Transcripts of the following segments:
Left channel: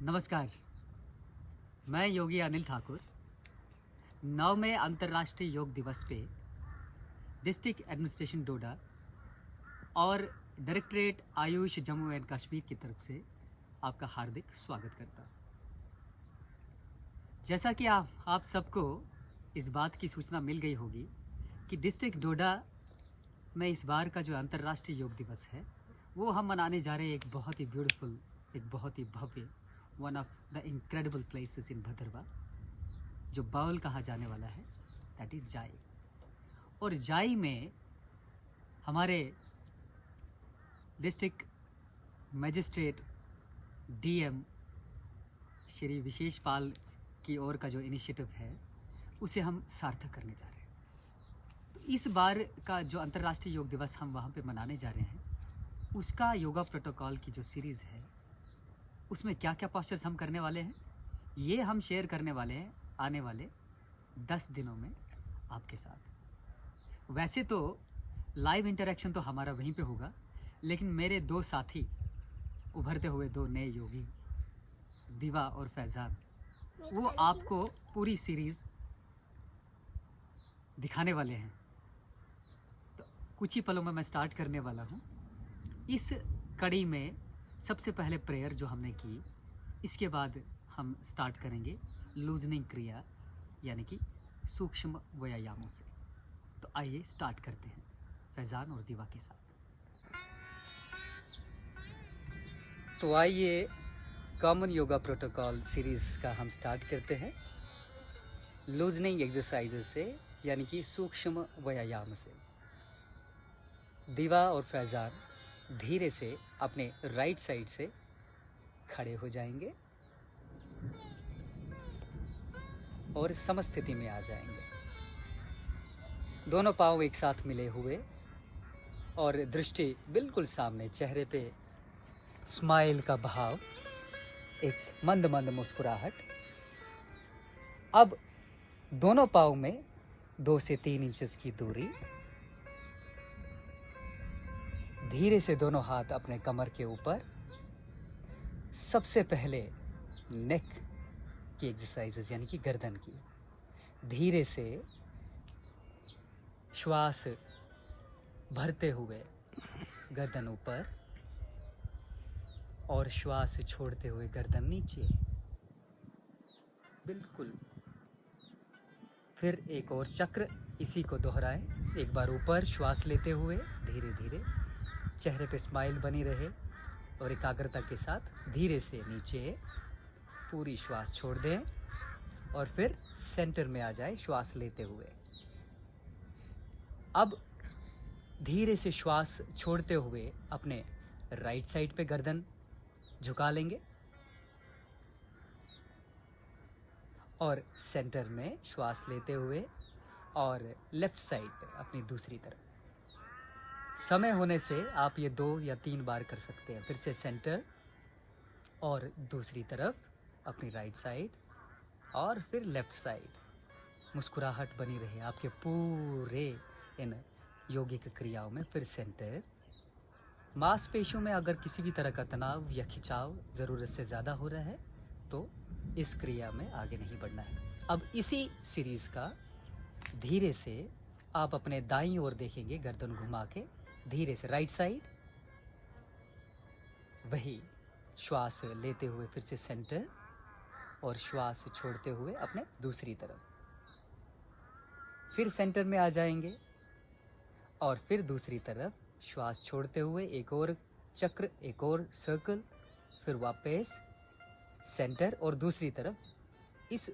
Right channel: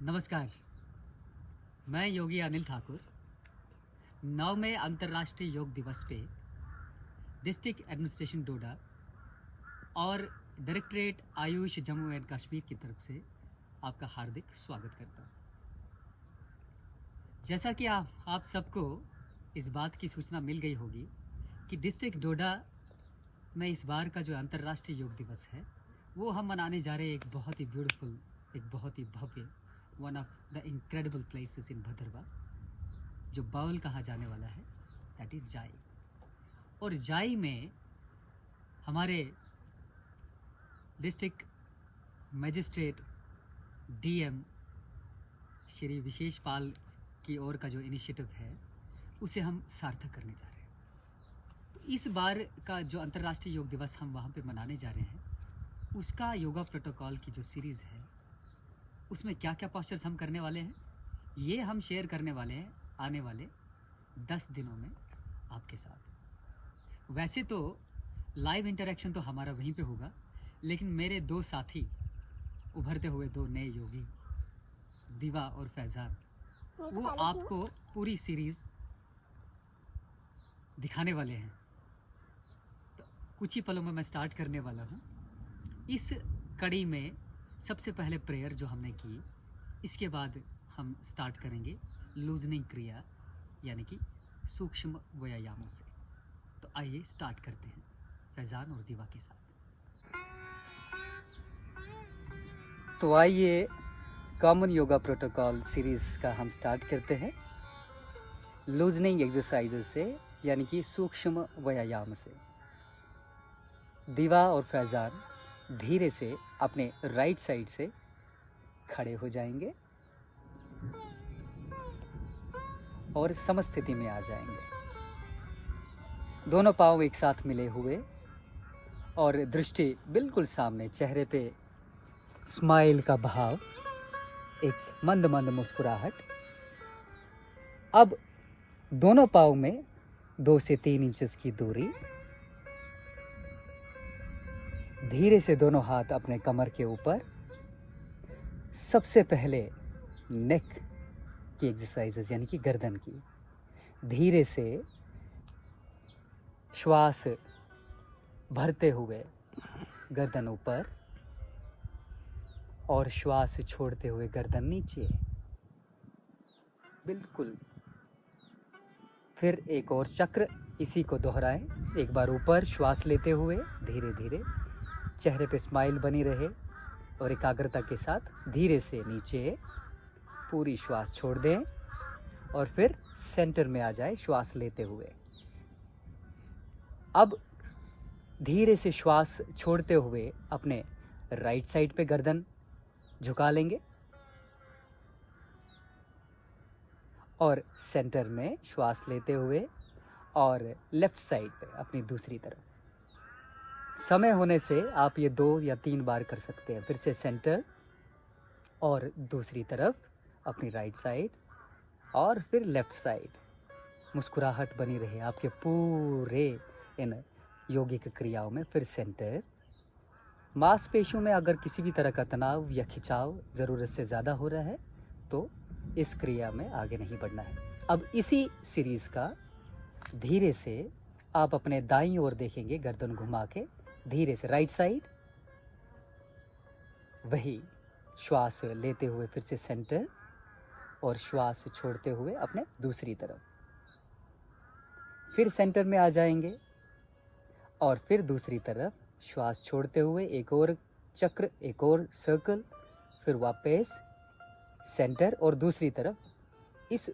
नमस्कार। मैं योगी अनिल ठाकुर 9वें अंतर्राष्ट्रीय योग दिवस पे डिस्ट्रिक्ट एडमिनिस्ट्रेशन डोडा और डायरेक्टरेट आयुष जम्मू एंड कश्मीर की तरफ से आपका हार्दिक स्वागत करता। जैसा कि आप सबको इस बात की सूचना मिल गई होगी कि डिस्ट्रिक्ट डोडा में इस बार का जो अंतर्राष्ट्रीय योग दिवस है वो हम मनाने जा रहे हैं एक बहुत ही ब्यूटीफुल, एक बहुत ही भव्य, one of the incredible places in Bhadarwah, जो बाउल कहा जाने वाला है, दैट इज़ जाई। और जाई में हमारे डिस्ट्रिक्ट मजिस्ट्रेट डीएम श्री विशेष पाल की ओर का जो इनिशिएटिव है उसे हम सार्थक करने जा रहे हैं। तो इस बार का जो अंतर्राष्ट्रीय योग दिवस हम वहाँ पे मनाने जा रहे हैं, उसका योगा प्रोटोकॉल की जो सीरीज़ है उसमें क्या क्या पोस्चर्स हम करने वाले हैं ये हम शेयर करने वाले हैं आने वाले 10 दिनों में आपके साथ। वैसे तो लाइव इंटरेक्शन तो हमारा वहीं पे होगा, लेकिन मेरे दो साथी, उभरते हुए दो नए योगी दिवा और फैज़ान, वो आपको पूरी सीरीज़ दिखाने वाले हैं। तो कुछ ही पलों में मैं स्टार्ट करने वाला हूँ। इस कड़ी में सबसे पहले प्रेयर जो हमने की, इसके बाद हम स्टार्ट करेंगे लूजनिंग क्रिया यानी कि सूक्ष्म व्यायामों से। तो आइए स्टार्ट करते हैं फैज़ान और दिवा के साथ। तो आइए कॉमन योगा प्रोटोकॉल सीरीज़ का हम स्टार्ट करते हैं लूजनिंग एक्सरसाइजेस से यानी कि सूक्ष्म व्यायाम से। दिवा और फैज़ान धीरे से अपने राइट साइड से खड़े हो जाएंगे और समस्थिति में आ जाएंगे। दोनों पांव एक साथ मिले हुए और दृष्टि बिल्कुल सामने, चेहरे पे स्माइल का भाव, एक मंद मंद मुस्कुराहट। अब दोनों पांव में 2 से 3 इंचेस की दूरी। धीरे से दोनों हाथ अपने कमर के ऊपर। सबसे पहले नेक की एक्सरसाइजेस यानी कि गर्दन की। धीरे से श्वास भरते हुए गर्दन ऊपर और श्वास छोड़ते हुए गर्दन नीचे, बिल्कुल। फिर एक और चक्र इसी को दोहराएं। एक बार ऊपर श्वास लेते हुए धीरे धीरे, चेहरे पे स्माइल बनी रहे और एकाग्रता के साथ धीरे से नीचे पूरी श्वास छोड़ दें और फिर सेंटर में आ जाए श्वास लेते हुए। अब धीरे से श्वास छोड़ते हुए अपने राइट साइड पे गर्दन झुका लेंगे और सेंटर में श्वास लेते हुए और लेफ्ट साइड पे अपनी दूसरी तरफ। समय होने से आप ये 2 या 3 बार कर सकते हैं। फिर से सेंटर और दूसरी तरफ अपनी राइट साइड और फिर लेफ्ट साइड। मुस्कुराहट बनी रहे आपके पूरे इन योगिक क्रियाओं में। फिर सेंटर। मांसपेशियों में अगर किसी भी तरह का तनाव या खिंचाव ज़रूरत से ज़्यादा हो रहा है तो इस क्रिया में आगे नहीं बढ़ना है। अब इसी सीरीज़ का धीरे से आप अपने दाईं ओर देखेंगे, गर्दन घुमा के धीरे से राइट साइड। वही श्वास लेते हुए फिर से सेंटर और श्वास छोड़ते हुए अपने दूसरी तरफ। फिर सेंटर में आ जाएंगे और फिर दूसरी तरफ श्वास छोड़ते हुए एक और चक्र, एक और सर्कल, फिर वापस सेंटर और दूसरी तरफ। इस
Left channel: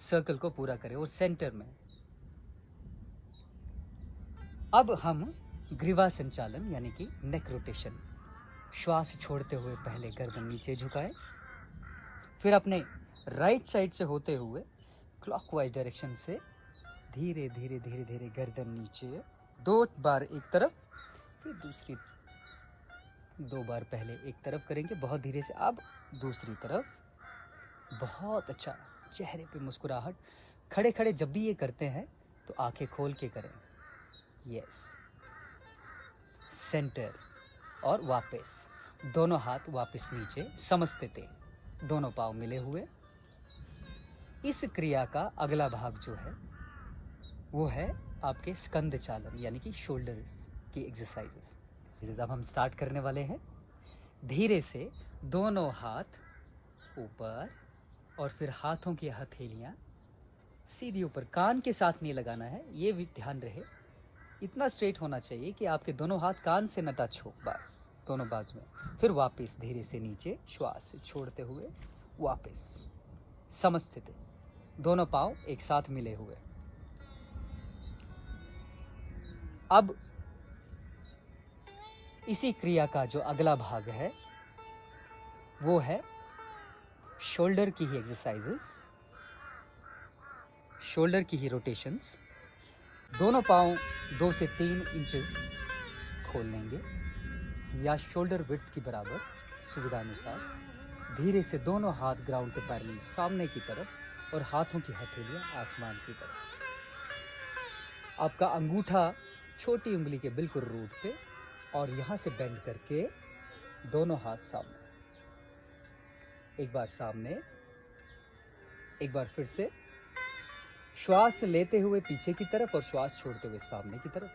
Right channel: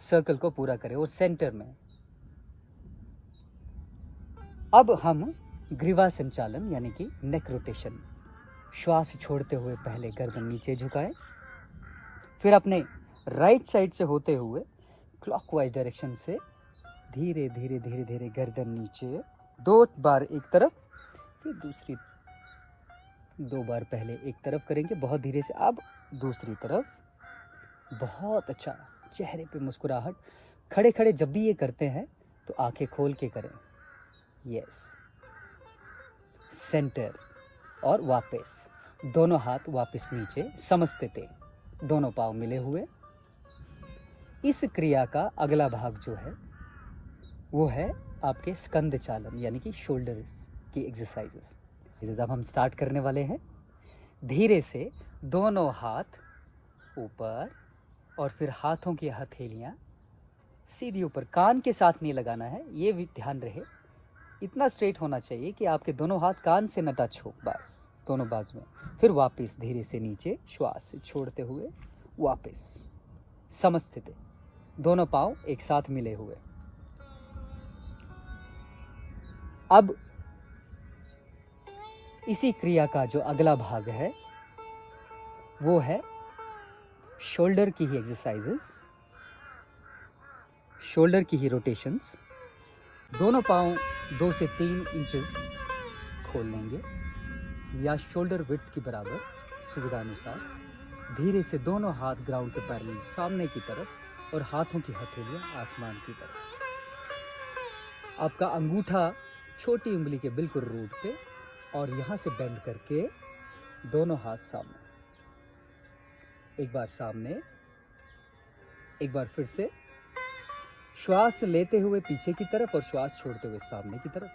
सर्कल को पूरा करें और सेंटर में। अब हम ग्रीवा संचालन यानी कि नेक रोटेशन। श्वास छोड़ते हुए पहले गर्दन नीचे झुकाएं, फिर अपने राइट साइड से होते हुए क्लॉकवाइज डायरेक्शन से धीरे धीरे धीरे धीरे गर्दन नीचे। 2 बार एक तरफ, फिर दूसरी। 2 बार पहले एक तरफ करेंगे बहुत धीरे से, अब दूसरी तरफ। बहुत अच्छा, चेहरे पे मुस्कुराहट। खड़े खड़े जब भी ये करते हैं तो आंखें खोल के करें। यस। सेंटर और वापस। दोनों हाथ वापस नीचे समस्थिति, दोनों पाँव मिले हुए। इस क्रिया का अगला भाग जो है वो है आपके स्कंद चालन यानी कि शोल्डर की एक्सरसाइजेस। अब हम स्टार्ट करने वाले हैं। धीरे से दोनों हाथ ऊपर और फिर हाथों की हथेलियां सीधी ऊपर, कान के साथ नहीं लगाना है, ये भी ध्यान रहे। इतना स्ट्रेट होना चाहिए कि आपके दोनों हाथ कान से न टच हो, बस दोनों बाजू में। फिर वापस धीरे से नीचे श्वास छोड़ते हुए वापस समस्थिति, दोनों पांव एक साथ मिले हुए। अब इसी क्रिया का जो अगला भाग है वो है शोल्डर की ही एक्सरसाइजेस, शोल्डर की ही रोटेशंस। दोनों पांव 2 से 3 इंचेस खोल लेंगे या शोल्डर विड्थ के बराबर सुविधा अनुसार। धीरे से दोनों हाथ ग्राउंड के पैरेलल सामने की तरफ और हाथों की हथेलियां आसमान की तरफ। आपका अंगूठा छोटी उंगली के बिल्कुल रूट पे और यहां से बेंड करके दोनों हाथ सामने। एक बार सामने, एक बार फिर से श्वास लेते हुए पीछे की तरफ और श्वास छोड़ते हुए सामने की तरफ।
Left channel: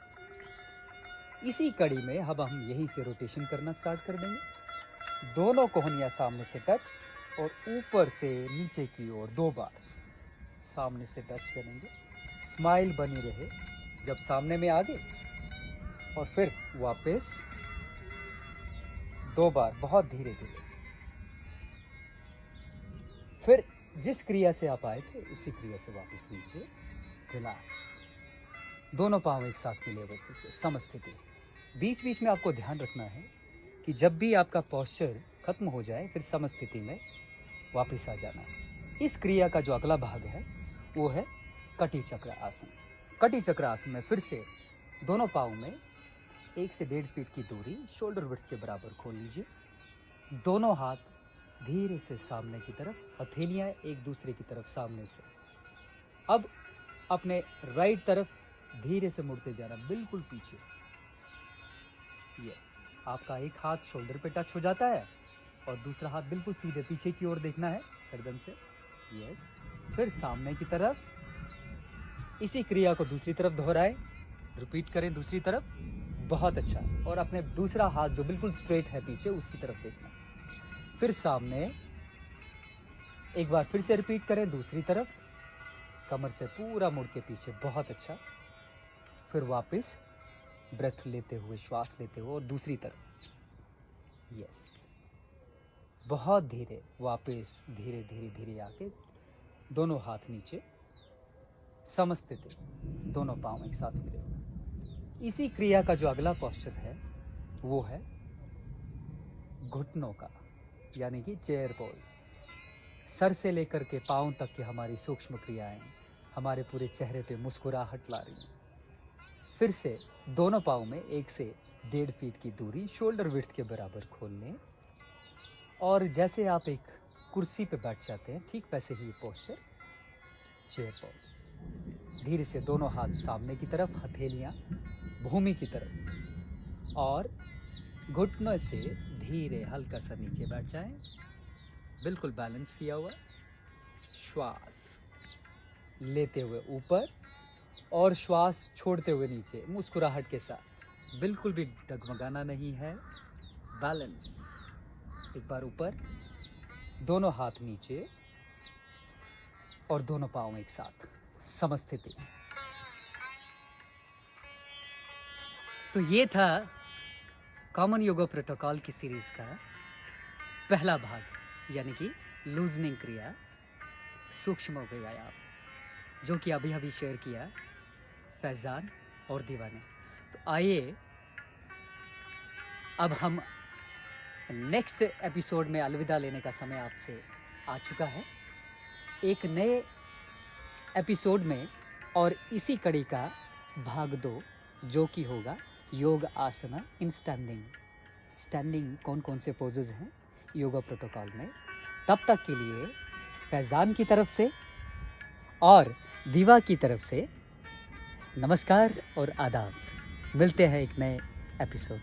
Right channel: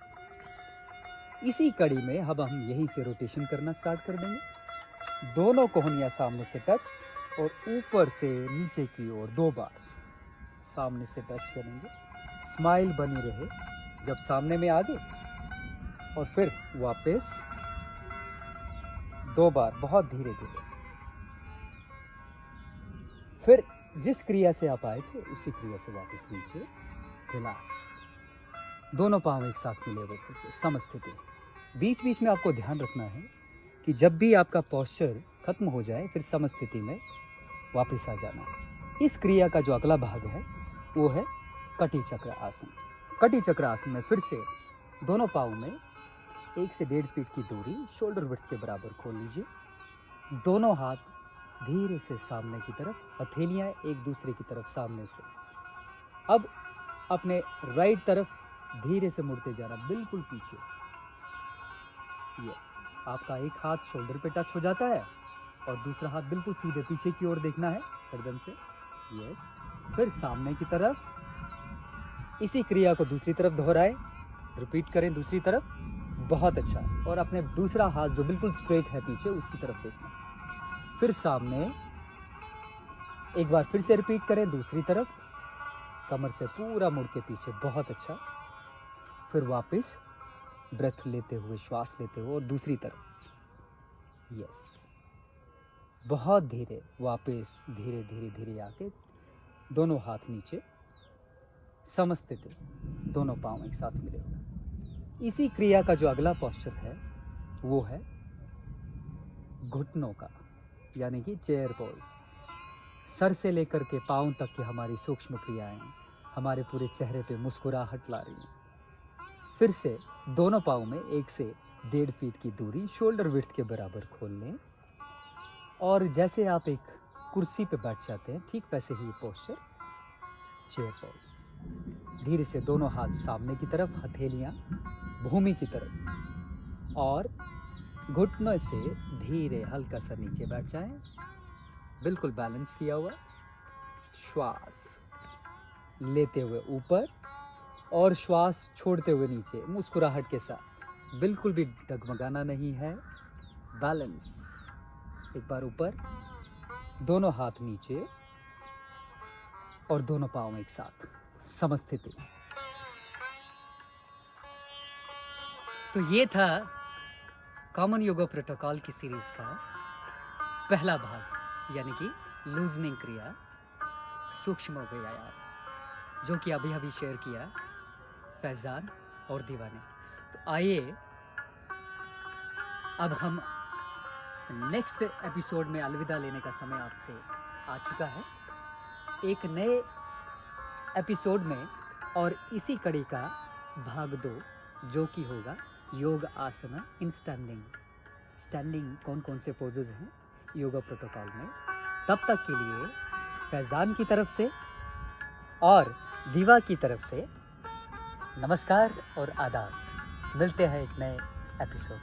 इसी कड़ी में अब हम यहीं से रोटेशन करना स्टार्ट कर देंगे। दोनों कोहनियां सामने से टच और ऊपर से नीचे की ओर 2 बार सामने से टच करेंगे। स्माइल बनी रहे जब सामने में आगे, और फिर वापस 2 बार बहुत धीरे धीरे। फिर जिस क्रिया से आप आए थे उसी क्रिया से वापस नीचे रिलैक्स, दोनों पांव एक साथ मिले हुए फिर से समस्थिति। बीच बीच में आपको ध्यान रखना है कि जब भी आपका पोस्चर खत्म हो जाए फिर समस्थिति में वापस आ जाना। इस क्रिया का जो अगला भाग है वो है कटी चक्र आसन। कटी चक्र आसन में फिर से दोनों पाँव में 1 से 1.5 फीट की दूरी शोल्डर विड्थ के बराबर खोल लीजिए। दोनों हाथ धीरे से सामने की तरफ, हथेलियां एक दूसरे की तरफ सामने से। अब अपने राइट तरफ धीरे से मुड़ते जाना, बिल्कुल पीछे। यस, आपका एक हाथ शोल्डर पे टच हो जाता है और दूसरा हाथ बिल्कुल सीधे पीछे की ओर देखना है एकदम से। यस, फिर सामने की तरफ। इसी क्रिया को दूसरी तरफ दोहराएं, रिपीट करें दूसरी तरफ। बहुत अच्छा। और अपने दूसरा हाथ जो बिल्कुल स्ट्रेट है पीछे उसकी तरफ देखना। फिर सामने, एक बार फिर से रिपीट करें दूसरी तरफ, कमर से पूरा मुड़ के पीछे। बहुत अच्छा। फिर वापस ब्रेथ लेते हुए, श्वास लेते हुए और दूसरी तरफ। यस, बहुत धीरे वापस, धीरे धीरे धीरे आके दोनों हाथ नीचे समस्थिति, दोनों पांव एक साथ मिले हुए। इसी क्रिया का जो अगला पोस्चर है वो है घुटनों का, यानी कि चेयर पोज। सर से लेकर के पांव तक की हमारी सूक्ष्म क्रियाएं हमारे पूरे चेहरे पे मुस्कुराहट ला रही हैं। फिर से दोनों पांव में 1 से 1.5 फीट की दूरी शोल्डर विड्थ के बराबर खोल लें और जैसे आप एक कुर्सी पे बैठ जाते हैं ठीक वैसे ही पोस्चर, चेयर पोज। धीरे से दोनों हाथ सामने की तरफ, हथेलियां भूमि की तरफ और घुटनों से धीरे हल्का सा नीचे बैठ जाएं, बिल्कुल बैलेंस किया हुआ। श्वास लेते हुए ऊपर और श्वास छोड़ते हुए नीचे, मुस्कुराहट के साथ, बिल्कुल भी डगमगाना नहीं है, बैलेंस। एक बार ऊपर, दोनों हाथ नीचे और दोनों पांव एक साथ समस्थिति। तो ये था कॉमन योगा प्रोटोकॉल की सीरीज का पहला भाग, यानी कि लूजनिंग क्रिया, सूक्ष्म व्यायाम, जो कि अभी अभी शेयर किया फैजान और दीवा ने। तो आइए अब हम नेक्स्ट एपिसोड में अलविदा लेने का समय आपसे आ चुका है। एक नए एपिसोड में और इसी कड़ी का भाग 2, जो कि होगा योग आसना इन स्टैंडिंग। स्टैंडिंग कौन कौन से पोजेज हैं योगा प्रोटोकॉल में। तब तक के लिए फैजान की तरफ से और दीवा की तरफ से नमस्कार और आदाब। मिलते हैं एक नए एपिसोड।